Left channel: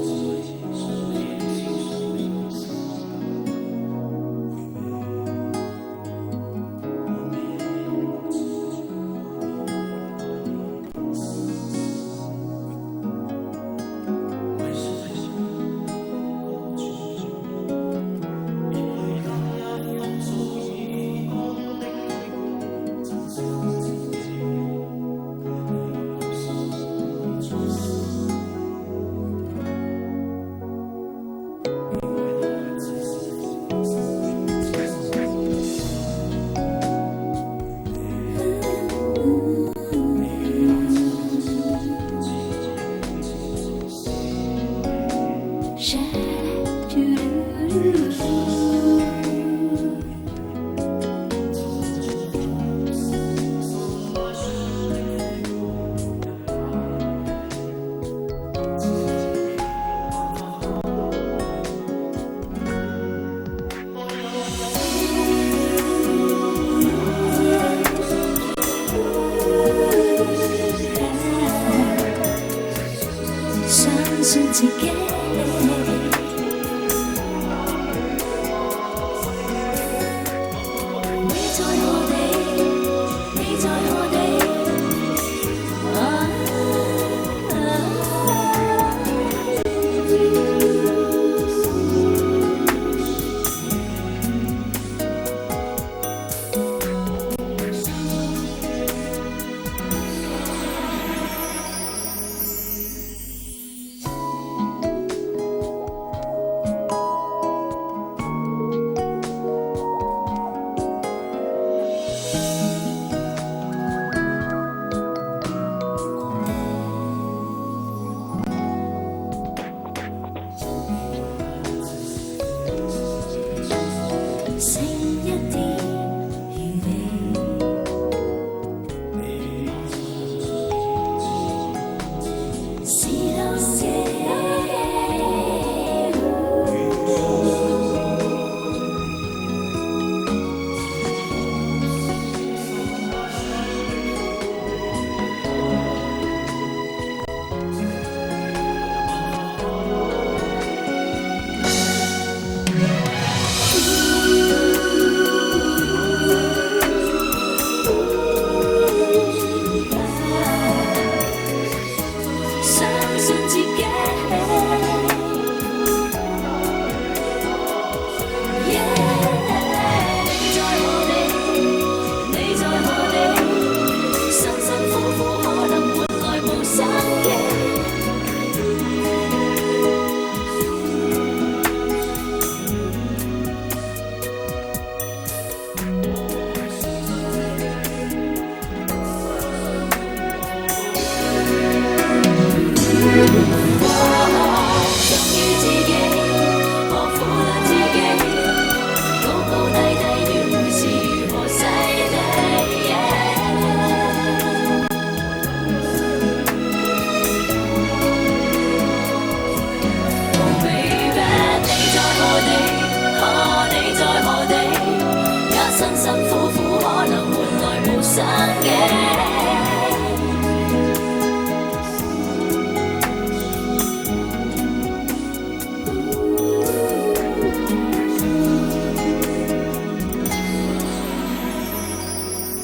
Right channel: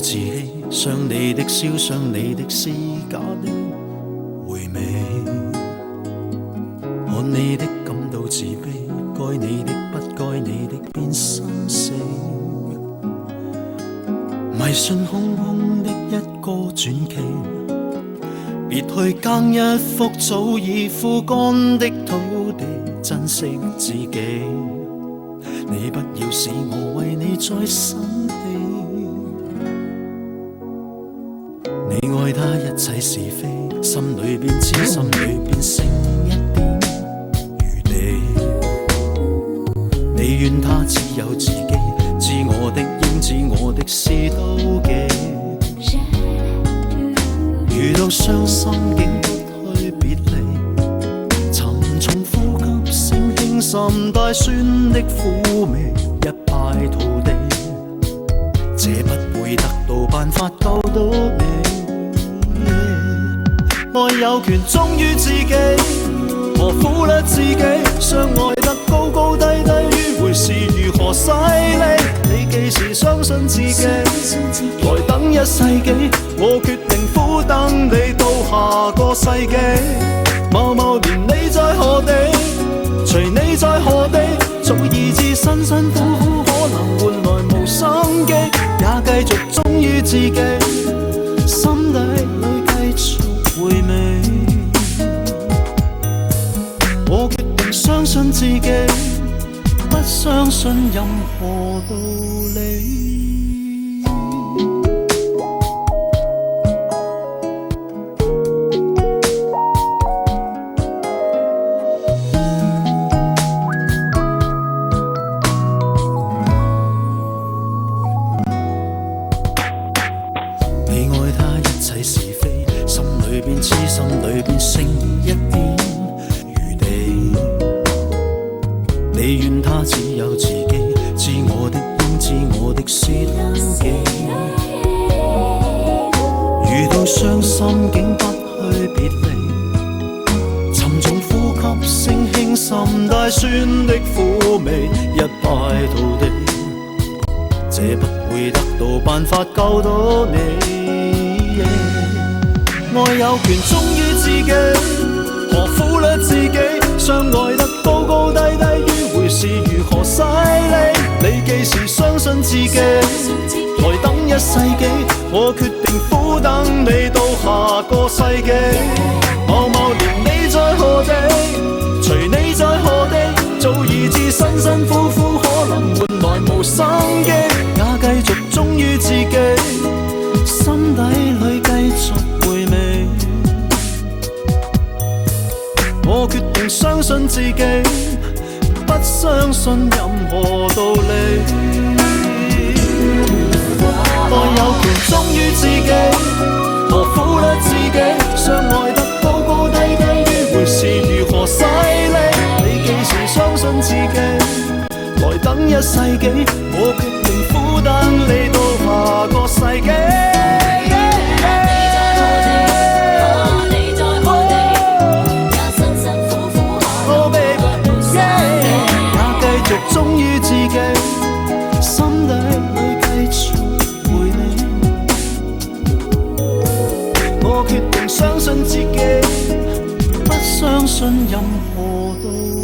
自欺，想你的笑，想你的是假的回味，看你的感到自卑，該你的不該你的變心死，迷信空空的一個傳奇，別去耕一幅早已枯乾的土地，珍惜自己，你不要使我為你再生氣，你愛他一切是非，心裏邊知心裏邊剩一點餘地，你怨他只有自己，知我的應知我的事妒忌，遇到傷心竟不去別離，沉重呼吸聲輕滲帶酸的苦味，一敗塗地，這不會得到辦法救到你，愛有權忠於自己，何苦甩自己，相愛得高高低低，迂迴是如何犀利，你幾時相信自己，來等一世紀，我決定苦等你到下個世紀，某某年你在何地，隨你在何地，早已知辛辛苦苦可能換來無心機，也繼續忠於自己，心底裏繼續回味，我決定相信自己，不相信任何道理。你愛他一切是非，心裏邊知心裏邊剩一點餘地，你怨他只有自己，知我的應知我的是妒忌，遇到傷心竟不去別離，沉重呼吸聲輕滲帶酸的苦味，一敗塗地，這不會得到辦法救到你，愛有權忠於自己，何苦甩自己，相愛得高高低低，迂迴是如何犀利，你幾時相信自己，來等一世紀，我決定苦等你到下個世紀，某某年你在何地，隨你在何地，早已知辛辛苦苦可能換來無生機，也繼續忠於自己，心底裏繼續回味，我決定相信自己，不相信任何道理，愛有權忠於自己，何苦甩自己，相愛得高高低低，迂迴是如何犀利，你幾時相信自己，來等一世紀，我決定苦等你到下個世紀。忠於自己，心底裏繼續回味，我決定相信自己，不相信任何道理。